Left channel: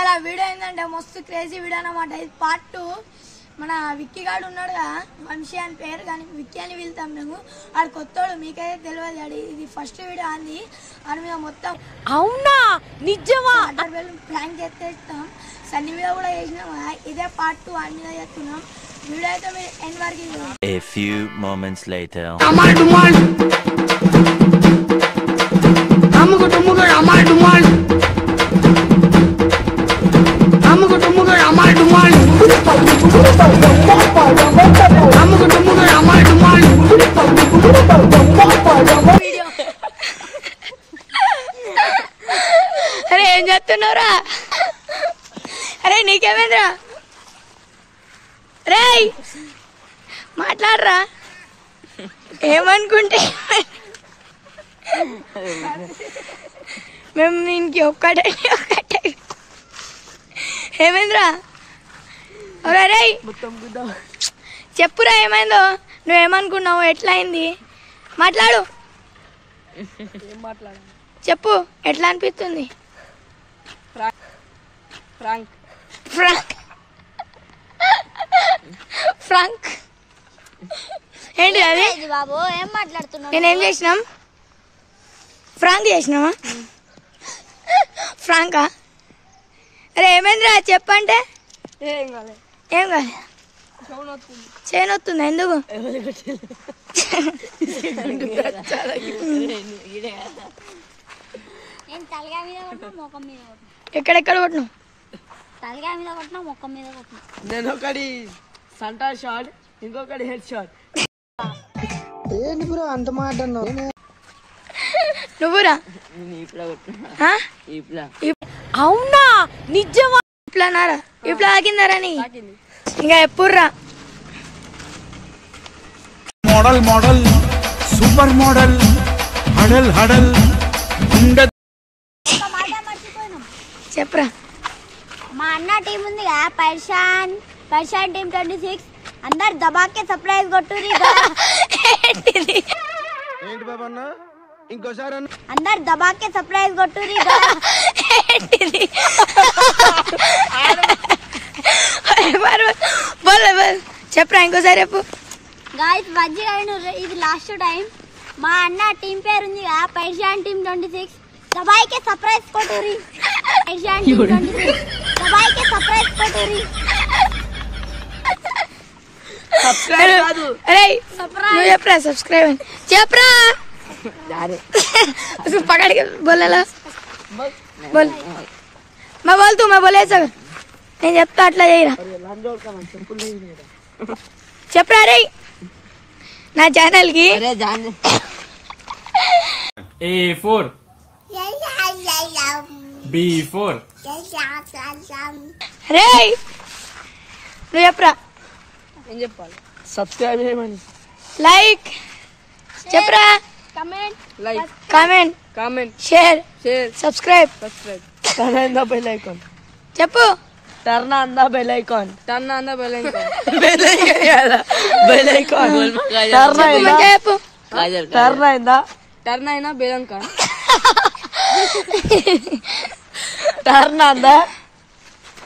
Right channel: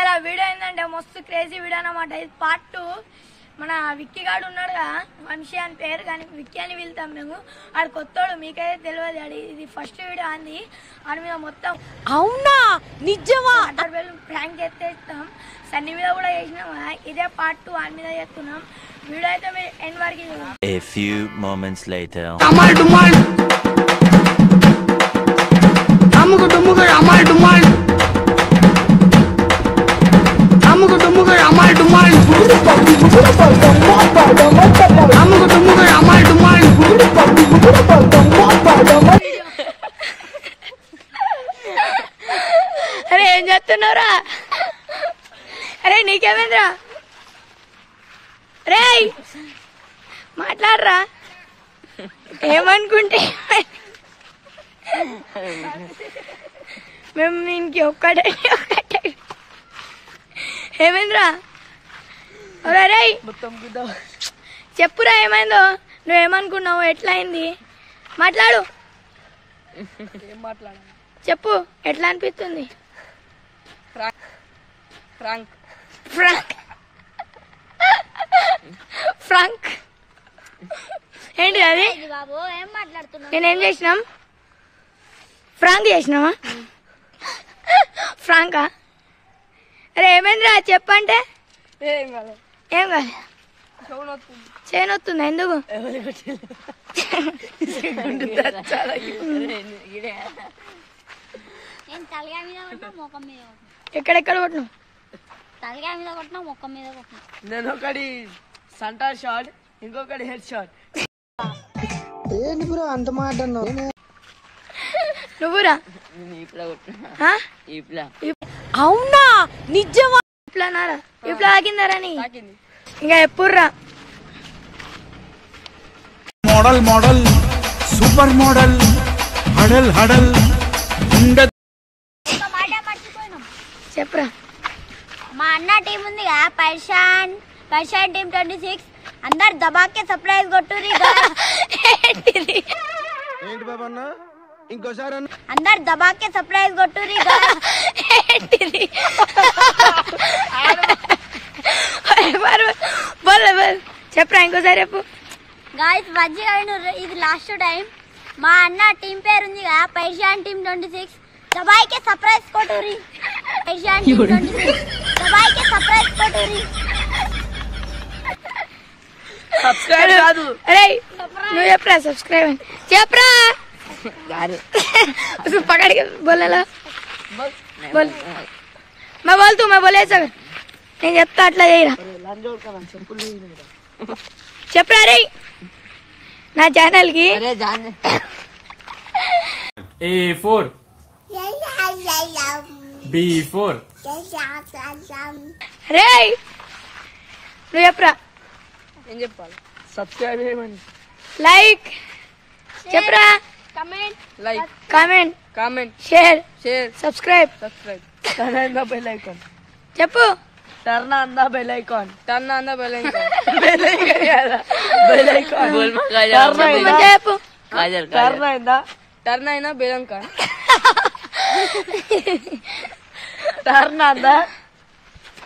ఇలా వీడియో ఏంటంటే మస్తు క్రేజీ వీడియో అన్నమాట. ఇది పార్ట్ 2. మన విక్కీ గాడు ఉన్నాడుగా, వంశీ అని పేరు, కానీ విక్కీ అని వెళ్తాం మేము. ఆడు కొత్తోడు, మీకైతే తెలియదు. ఆడి ఇది ఫస్ట్ వీడియో అంది. ఆడి మీద మొత్తం అవునా నిజమా ప్రాంక్ చేస్తే ఇస్తాం. సన్ని మీద కూడా చేసినాం. ఇదే పార్ట్ 2 ఆడి మీద చేస్తున్నాం. వీడియో అయితే మీరు ఎండ్ వరకు చూడండి. A few moments later. అమ్ముకు డుమ్ముకు అమ్మాయి డుమ్మాల్ అమ్ముకు డుమ్ముకు అమ్మాయి డుమ్మాల్ అమ్ముకు డుమ్ముకు అమ్మాయి డుమ్మాల్. అరే ఏం చేస్తున్నావురా? అరే నీకేమైందిరా? రే మాట్లాడరా. ఏమనుకుంటే మేము దీనికి ఒక్కటే ఏమైందిరా? రే చెప్పురా ఏమైందో. నువ్వేమనుకున్నావు? ఎట్లా అయింది? మాట్లాడు, చెప్పు. ఎట్లా అనిపిస్తుంది? ఫ్రాంక్ ఫ్రాంక్ ఏంటి అది? నేనేం చేసినాం? ఫ్రాంక్ చేసినావా? ఫ్రాంకా? అరే ఏమైందిరా చెప్పంటే? ఏం కాదు. చేయనొస్తుందా? ఎందుకు? ఎక్కడెక్కడ కొట్టినావు? తలకాయ మీద కొట్టినా, మొక్క మీద కొట్టినా. నేను ఒకటి సంటార్ షాట్, ఇంకొకటి హెడ్ షాట్. ఏంటి బ్రో అంత మాట అన్నావు? నువ్వురా? అవునా నిజమా? ఇట్లానారా? ఇట్లా ఆగిందారా నీ? ఇంకా ఎప్పుడురా? మోడల్ మోడల్ సూపర్ మోడల్ హడల్ హడల్ చెప్పరా. మా అన్న టీం ఉందిగా, పర్షాన్ టీం 26. అందరు దబాకే సర్ప్రైజ్ కొట్టుర్రి. ఏంటి బాబా అన్న? ఇంకోసారి అందరు దబాకే సర్ప్రైజ్ కొట్టుర్రి. చెప్పరా ఇంకోసారి చెప్పు. గాయ్స్ మంచిగా వినుర్రి, ఇది లాస్ట్ టైం. మా అన్న టీం పేరు ఉందిగా, పర్షాన్ టీం 26. దబాకే సర్ప్రైజ్ కొట్టుర్రి. పర్షాన్ టీం 26 దబాకే సర్ప్రైజ్ కొట్టుర్రి. अरे నువ్వు చెప్పరా సబ్స్క్రైబ్ అని చెప్పరా. पकड़ के बोले ला बोल. मैं बोल तू, मैं बोले सब నేను చెప్తా అట్లా చేయరా. చెప్పరా రే నా ఛానల్ కి. A4 B4 రే నువ్వు చెప్పరా. ఏం చెప్పాలి? సబ్స్క్రైబ్ చేయమని. లైక్ చెప్పరా. Like comment share subscribe. Subscribe turn on the bell icon. చెప్పు. Turn on the bell icon. చెప్పు మంచిగా చెప్పు. టర్న్ అయినా bell icon. Turn on the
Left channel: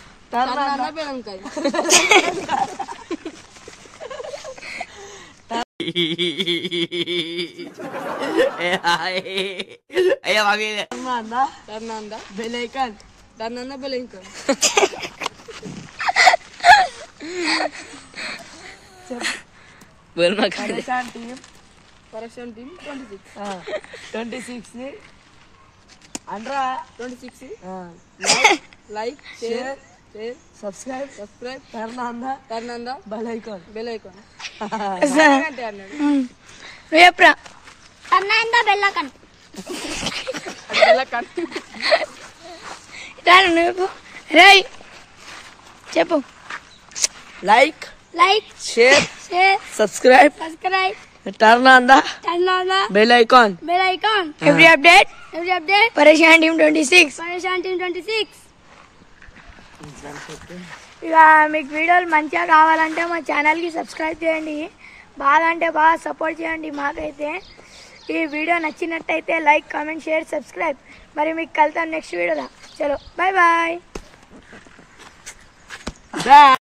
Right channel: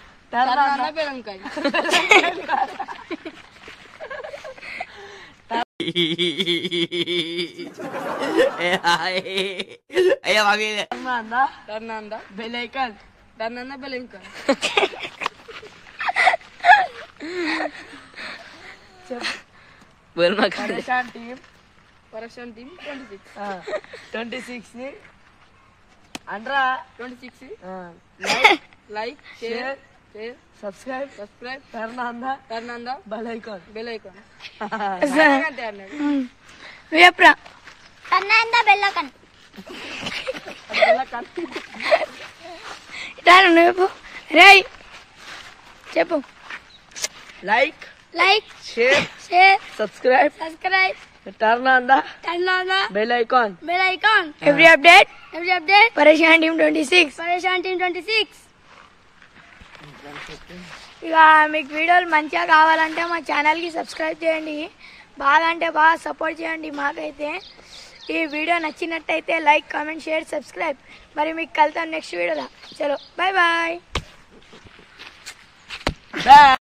bell icon. Pareshan team 26 ని అండ్రా 26 like share subscribe turn on the bell icon. నువ్వు చెప్పరా. Turn on the bell icon. నువ్వు చెప్పు. రే చెప్పు. Like share subscribe turn on the bell icon. Every update Pareshan team 26. ఇక మీకు వీడియోలు మంచిగా కావాలంటే మా ఛానల్కి సబ్స్క్రైబ్ చేయండి. బాగా అంటే బాగా సపోర్ట్ చేయండి మాకైతే. ఈ వీడియో నచ్చినట్టయితే లైక్ కామెంట్ షేర్ సబ్స్క్రైబ్. మరి మీకు కలుద్దాం నెక్స్ట్ వీడియోలో. చలో బాయ్ బాయ్.